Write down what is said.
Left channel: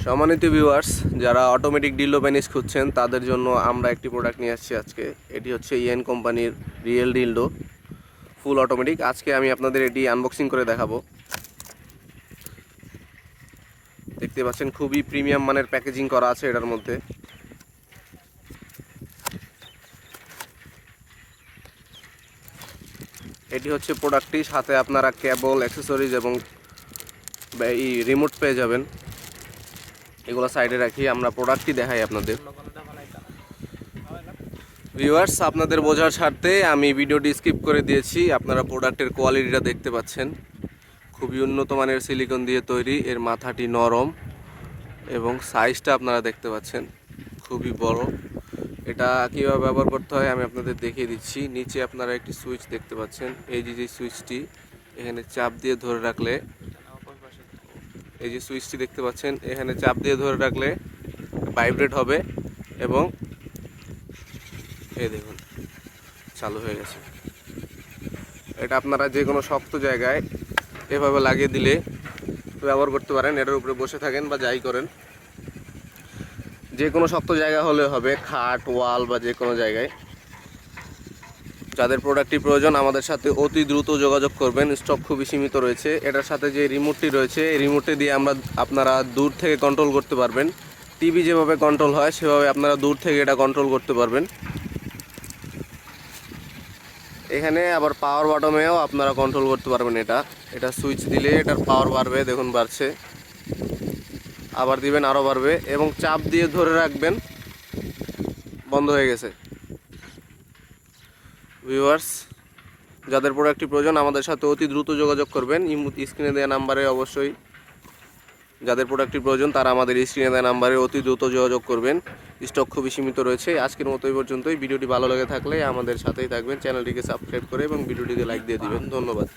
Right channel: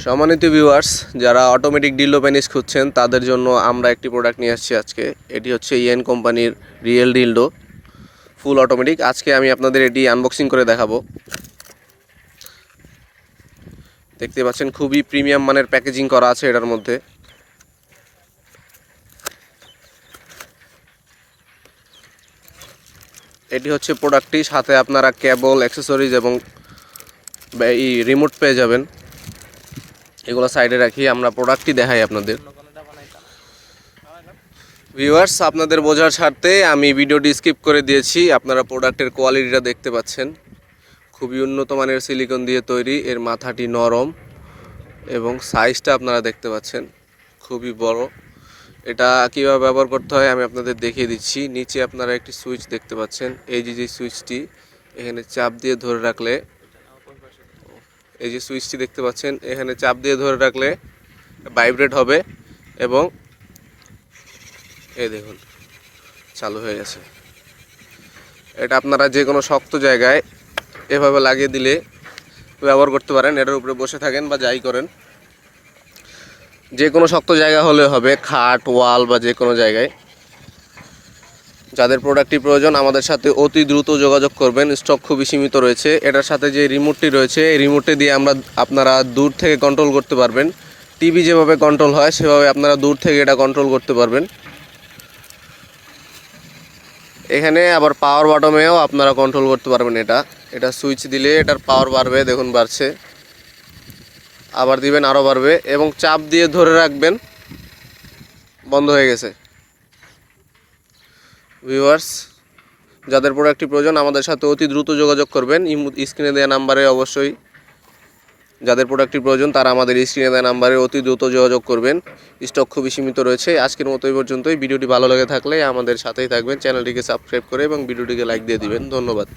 সম্মানিত ভিউয়ার্স যারা automatic D'Lo penis খুঁজছেন, তাদের জন্য আমরা একটি প্রোডাক্ট নিয়ে আসছি আজকে। এটি হচ্ছে ইএন কোম্পানির রিয়েল ডিলডো ফুল অটোমেটিক আজকে আমি আপনাদের এটি আনবক্সিং করে দেখাবো। দেখতে পাচ্ছেন, খুবই প্রিমিয়াম মানের প্যাকেজিং করা আছে এটার মধ্যে। এটি হচ্ছে প্রোডাক্টটি সাথে আপনারা কেবল অ্যাক্সেসরিজ এবং এই রিমোট পেয়ে যাবেন। এগুলো সাইডে রাখি, আমরা প্রোডাক্টটি দেখাই আপনাদের। ভিউয়ার্স আপনাদের বোঝার স্বার্থে আমি ভিডিওটি স্কিপ করে দিয়েছি। আপনারা প্রোডাক্টের কোয়ালিটিটা দেখতে পাচ্ছেন। খুবই উন্নত মানের সিলিকন দিয়ে তৈরি, এর মাথাটি নরম এবং সাইজটা আপনারা দেখতে পাচ্ছেন। খুবই বড়। এটা কীভাবে ব্যবহার করতে হয় আমি আপনাদের দেখিয়ে দিচ্ছি। নিচে আপনারা একটি সুইচ দেখতে পাচ্ছেন। এই যে যে সুইচটি এখানে চাপ দিয়ে ধরে রাখলে এই যে সুইচটি দেখতে পাচ্ছেন, এখানে চাপ দিয়ে ধরে রাখলে ভাইব্রেট হবে এবং এই দেখুন, চালু হয়ে গেছে। এটা আপনারা যে কোনো শক্ত জায়গায় এভাবে লাগিয়ে দিলে ব্যবহার করতে পারেন, এটার উপরে বসে থাকেন বা যাই করেন। যে কোনো শক্ত জায়গা হলে হবে, খাট, ওয়াল বা যে কোনো জায়গায়। যাদের প্রোডাক্টটি প্রয়োজন, আমাদের সাথে অতি দ্রুত যোগাযোগ করবেন। স্টক খুবই সীমিত রয়েছে। এটার সাথে যে রিমোটটি রয়েছে, এই রিমোটটি দিয়ে আমরা আপনারা দূর থেকে কন্ট্রোল করতে পারবেন। টিভি যেভাবে কন্ট্রোল হয়, সেভাবে আপনারা দূর থেকে এটা কন্ট্রোল করতে পারবেন। এখানে আবার পাওয়ার বাটমেও আপনারা কন্ট্রোল করতে পারবেন এটা। এটা সুইচ দিলে এটার পাওয়ার বাড়বে, দেখুন বাড়ছে। আবার দিবেন আরও বাড়বে। এবং চাপ দিয়ে ধরে রাখবেন, বন্ধ হয়ে গেছে। ভিউয়ার্স যাদের প্রোডাক্টটি প্রয়োজন, আমাদের সাথে অতি দ্রুত যোগাযোগ করবেন। স্ক্রিনে দেওয়া নাম্বারে অবশ্যই যাদের প্রোডাক্টটি প্রয়োজন, তারা আমাদের স্ক্রিনে দেওয়া নাম্বারে অতি দ্রুত যোগাযোগ করবেন। স্টক খুবই সীমিত রয়েছে। আজকের মতো এই পর্যন্তই। ভিডিওটি ভালো লেগে থাকলে আমাদের সাথেই থাকবেন। চ্যানেলটিকে সাবস্ক্রাইব করে এবং ভিডিওটিকে লাইক দিয়ে দিবেন। ধন্যবাদ।